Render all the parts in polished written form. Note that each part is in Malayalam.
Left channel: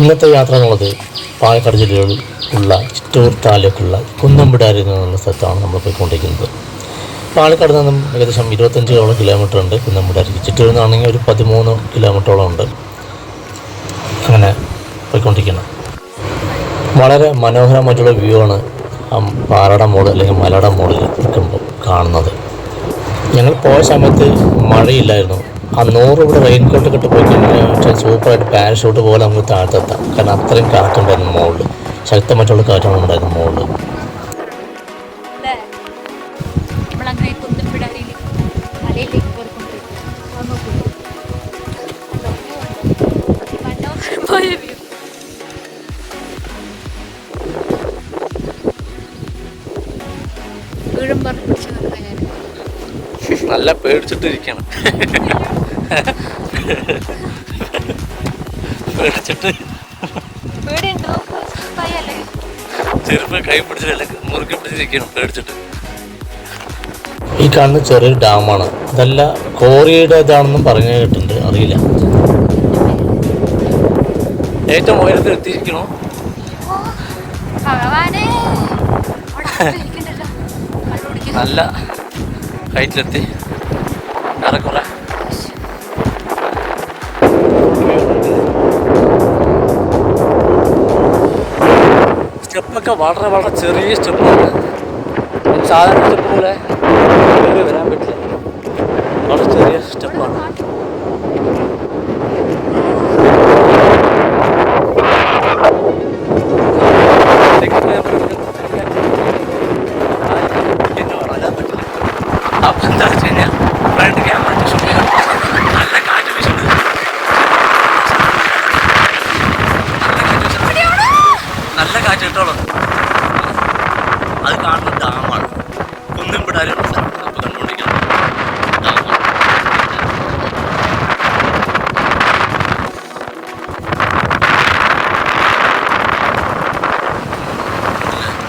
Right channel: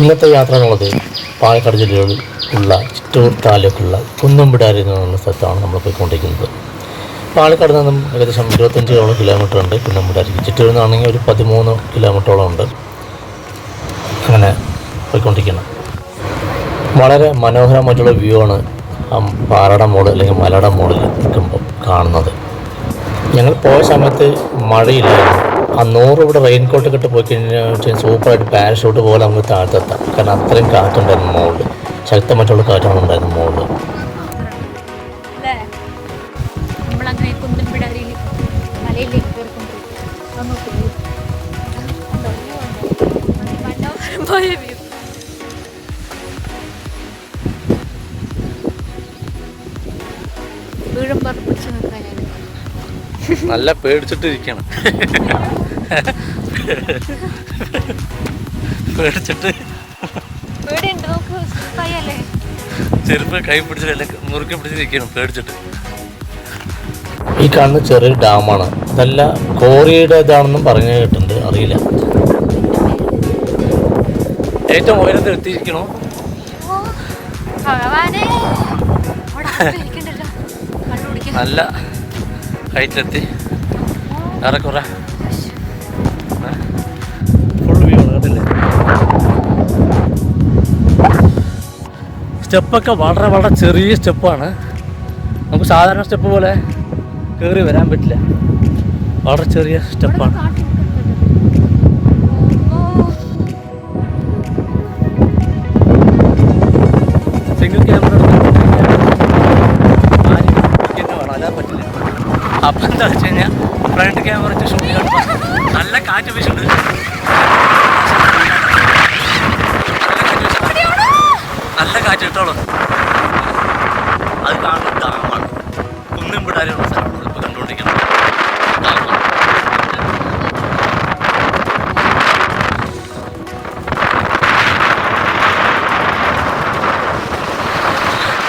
ഇന്നത്തെ യാത്ര എന്നുള്ളത് പാലക്കാട് ജില്ലയിൽ ഉള്ള ചിറ്റൂർ താലൂക്കുള്ള കുന്നംപിടാരി എന്നുള്ള സ്ഥലത്താണ് നമ്മൾ പോയിക്കൊണ്ടിരിക്കുന്നത്. പാലക്കാട് നിന്നും ഏകദേശം 25 കിലോമീറ്റർ ഉണ്ട് കുന്നംപിടാരിക്ക്. ചിറ്റൂരിൽ നിന്നാണെങ്കിൽ ഒരു 13 കിലോമീറ്ററോളം ഉണ്ട്. അങ്ങനെ പോയിക്കൊണ്ടിരിക്കണം. വളരെ മനോഹരമായിട്ടുള്ള വ്യൂ ആണ് പാറയുടെ മുകളിൽ അല്ലെങ്കിൽ മലയുടെ മുകളിൽ നിൽക്കുമ്പോൾ കാണുന്നത്. ഞങ്ങൾ പോയ സമയത്ത് മഴയില്ലായിരുന്നു. ആ 100 ഇവിടെ റെയിൻകോട്ട് കിട്ടി പോയി കഴിഞ്ഞാൽ സൂപ്പറായിട്ട് പാരഷൂട്ട് പോലെ നമുക്ക് താഴ്ത്തെത്താം. കാരണം അത്രയും കാറ്റുണ്ടായിരുന്നു മുകളിൽ, ശക്തമായിട്ടുള്ള കാറ്റാണ് ഉണ്ടായിരുന്നു മുകളിൽ. നല്ല പേടിച്ചിട്ടിരിക്കണം. പേടിച്ചിട്ട് ചെറുപ്പം കൈ പിടിച്ചിട്ടല്ല മുറുക്കി പിടിച്ചിരിക്കണം പേടിച്ചിട്ട്. ഈ കാണുന്ന ചെറിയൊരു ഡാമാണ്. അതല്ല കോറിയുടെ ഇതാണെന്നും പറഞ്ഞു കേട്ടിട്ടുണ്ട്, അറിയില്ല. ഏറ്റവും ഉയരത്തിൽ എത്തിയിരിക്കണോ? നല്ല ഹൈറ്റിലെത്തി. ഏറെക്കുറെ സ്റ്റെപ്പൊക്കെ വളരെ വളരെ ചെറിയ സ്റ്റെപ്പാണ്. നമുക്ക് സാധാരണ സ്റ്റെപ്പ് പോലെ കയറി വരാൻ പറ്റില്ല. വളരെ ചെറിയ സ്റ്റെപ്പാണ്. അപ്പം എന്താ വെച്ച് കഴിഞ്ഞാൽ ഫ്രണ്ട് ക്യാമറ ഷൂട്ട് ചെയ്യാൻ നല്ല കാറ്റ് വീശുന്നത്. നല്ല കാറ്റ് കിട്ടോളൂ. അത് കാണുന്ന ഡാമാണ് കുന്നംപിടാരിയുള്ള സ്ഥലം. അപ്പോൾ കണ്ടുകൊണ്ടിരിക്കണം.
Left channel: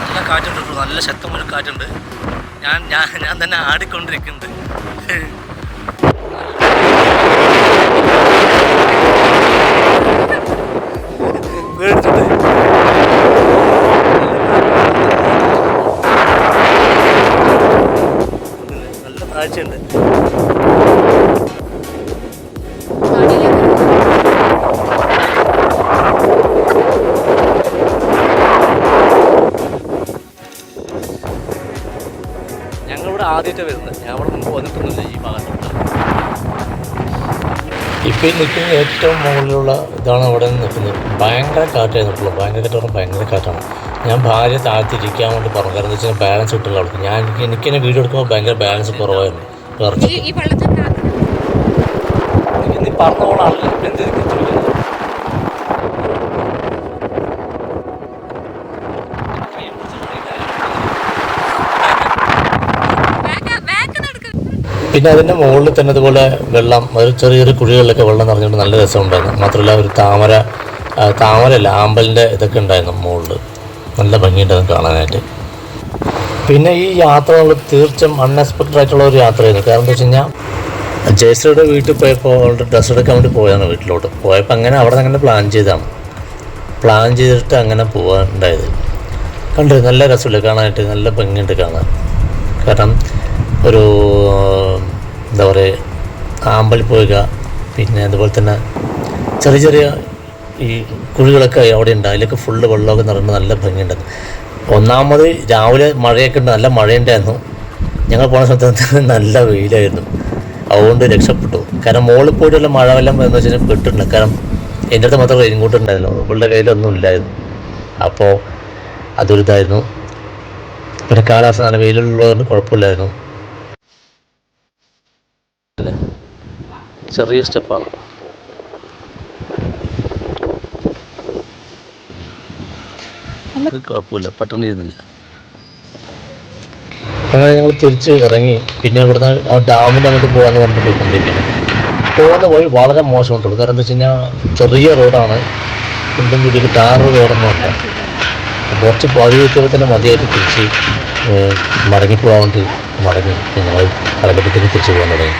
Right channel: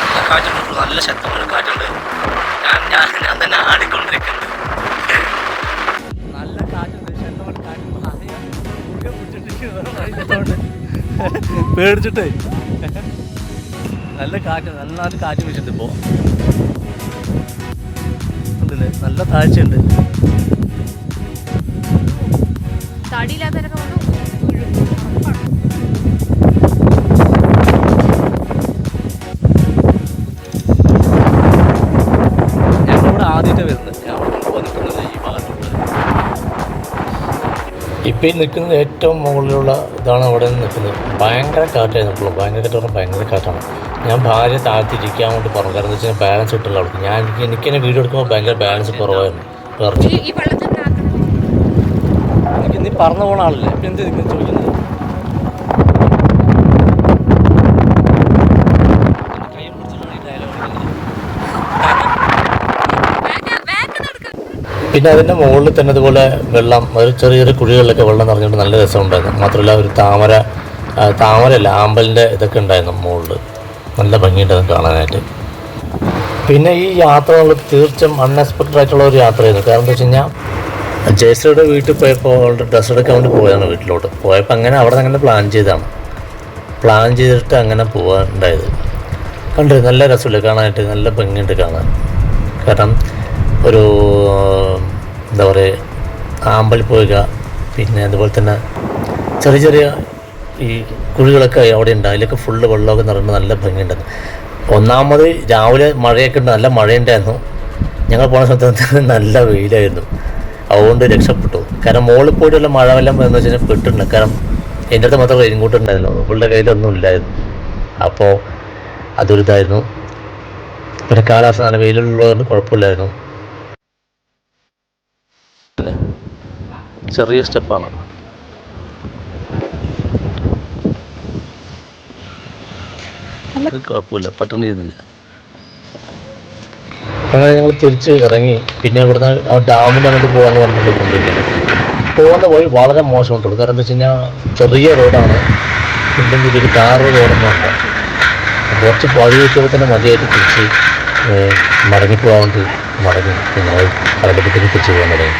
നല്ല കാറ്റുണ്ട്, നല്ല ശക്തമായ കാറ്റുണ്ട്. ഞാൻ തന്നെ ആടിക്കൊണ്ടിരിക്കുന്നുണ്ട്. പേടിച്ചിട്ട് നല്ല താഴ്ചയുണ്ട്. ആദ്യമായിട്ട് വരുന്നത്. ഞാൻ അവിടെ കൊണ്ട് വന്നിട്ടൊന്നുമില്ല ഈ ഭാഗത്ത്. ഇപ്പം നിൽക്കുന്ന ഏറ്റവും മുകളിലുള്ള ഇതാണ് അവിടെ നിന്ന് നിൽക്കുന്നത്. ഭയങ്കര കാറ്റായിരുന്നു. ഇപ്പോൾ ഭയങ്കര കാറ്റ്, ഭയങ്കര കാറ്റാണ്. ഞാൻ ഭാര്യ താഴ്ത്തിരിക്കാൻ വേണ്ടി പറഞ്ഞു. കാരണം എന്താ വെച്ചാൽ ബാലൻസ് കിട്ടില്ല അവൾക്ക്. എനിക്കെന്നെ വീഡിയോ എടുക്കുമ്പോൾ ഭയങ്കര ബാലൻസ് കുറവായിരുന്നു. കുറച്ചിട്ട് നീ പറഞ്ഞു പോകണമല്ലോ. ഇപ്പം എന്ത് ചോദിക്കുന്നത്? പിന്നെ അതിൻ്റെ മുകളിൽ തന്നെ അതുപോലെ വെള്ളം, ഒരു ചെറിയ ചെറിയ കുഴികളിലൊക്കെ വെള്ളം നിറഞ്ഞിട്ട് നല്ല രസമുണ്ടായിരുന്നു. മാത്രമല്ല ഒരു താമരയല്ല ആമ്പലിൻ്റെ ഇതൊക്കെ ഉണ്ടായിരുന്നു മുകളിൽ. നല്ല ഭംഗിയുണ്ടായിരുന്നു കാണാനായിട്ട്. പിന്നെ ഈ യാത്രകൾ തീർച്ചയായും അൺഎക്സ്പെക്റ്റഡ് ആയിട്ടുള്ള ഒരു യാത്രയായിരുന്നു. കാരണം എന്താ വെച്ച് കഴിഞ്ഞാൽ ജയശ്രീയുടെ വീട്ടിൽ പോയപ്പോൾ അവളുടെ ഡ്രസ്സ് എടുക്കാൻ വേണ്ടി പോയതാണ്. വീട്ടിലോട്ട് പോയപ്പോൾ അങ്ങനെ അവിടെ നിന്ന് അങ്ങനെ പ്ലാൻ ചെയ്തിട്ട് അങ്ങനെ പോകാനുണ്ടായത്. കണ്ടു നല്ല രസമില്ല കാണാനായിട്ട്, നല്ല ഭംഗിയുണ്ട് കാണാൻ. കാരണം ഒരു എന്താ പറയുക, ആമ്പൽ പോവുക, പിന്നെ അതുപോലെ തന്നെ ചെറിയ ചെറിയ ഈ കുഴികളൊക്കെ അവിടെ ഉണ്ട്. അതിലൊക്കെ ഫുള്ള് വെള്ളമൊക്കെ നിറഞ്ഞ് നല്ല ഭംഗിയുണ്ടായിരുന്നു. ഒന്നാമത് രാവിലെ മഴയൊക്കെ ഉണ്ട്, നല്ല മഴയുണ്ടായിരുന്നു. ഞങ്ങൾ പോണ സമയത്ത് നല്ല വെയിലായിരുന്നു. അതുകൊണ്ട് രക്ഷപ്പെട്ടു. കാരണം മുകളിൽ പോയിട്ടുള്ള മഴ വെള്ളം എന്ന് വെച്ച് കഴിഞ്ഞാൽ പെട്ടിട്ടുണ്ട്. കാരണം എൻ്റെ അടുത്ത് മാത്രം റെയിൻകോട്ട് ഉണ്ടായിരുന്നു, അവളുടെ കയ്യിലൊന്നും ഇല്ലായിരുന്നു. അപ്പോൾ അതൊരിതായിരുന്നു. പിന്നെ കാലാവസ്ഥ നല്ല വെയിലുള്ളതുകൊണ്ട് കുഴപ്പമില്ലായിരുന്നു. ചെറിയ സ്റ്റെപ്പാണ്. കുഴപ്പമില്ല, പട്ടണം ചെയ്യുന്നില്ല. അങ്ങനെ ഞങ്ങൾ തിരിച്ച് ഇറങ്ങി. പിന്നെ ഇവിടുന്ന് ആ ഡാമിൻ്റെ അങ്ങോട്ട് പോകാമെന്ന് പറഞ്ഞിട്ട് പോയിക്കൊണ്ടിരിക്കുകയാണ്. പോകുന്ന വഴി വളരെ മോശമുണ്ട്. കാരണം എന്താ വെച്ച് കഴിഞ്ഞാൽ ചെറിയ റോഡാണ്. പിന്നെ ഒരു ടാർ റോഡൊന്നും ഉണ്ട്. കുറച്ച് പതിവ് വെച്ചപ്പോൾ തന്നെ മതിയായിട്ട് തിരിച്ച് മടങ്ങിപ്പോകാൻ വേണ്ടി ഞങ്ങൾ കടലപ്പത്തേക്ക് തിരിച്ച് പോകാൻ തുടങ്ങി.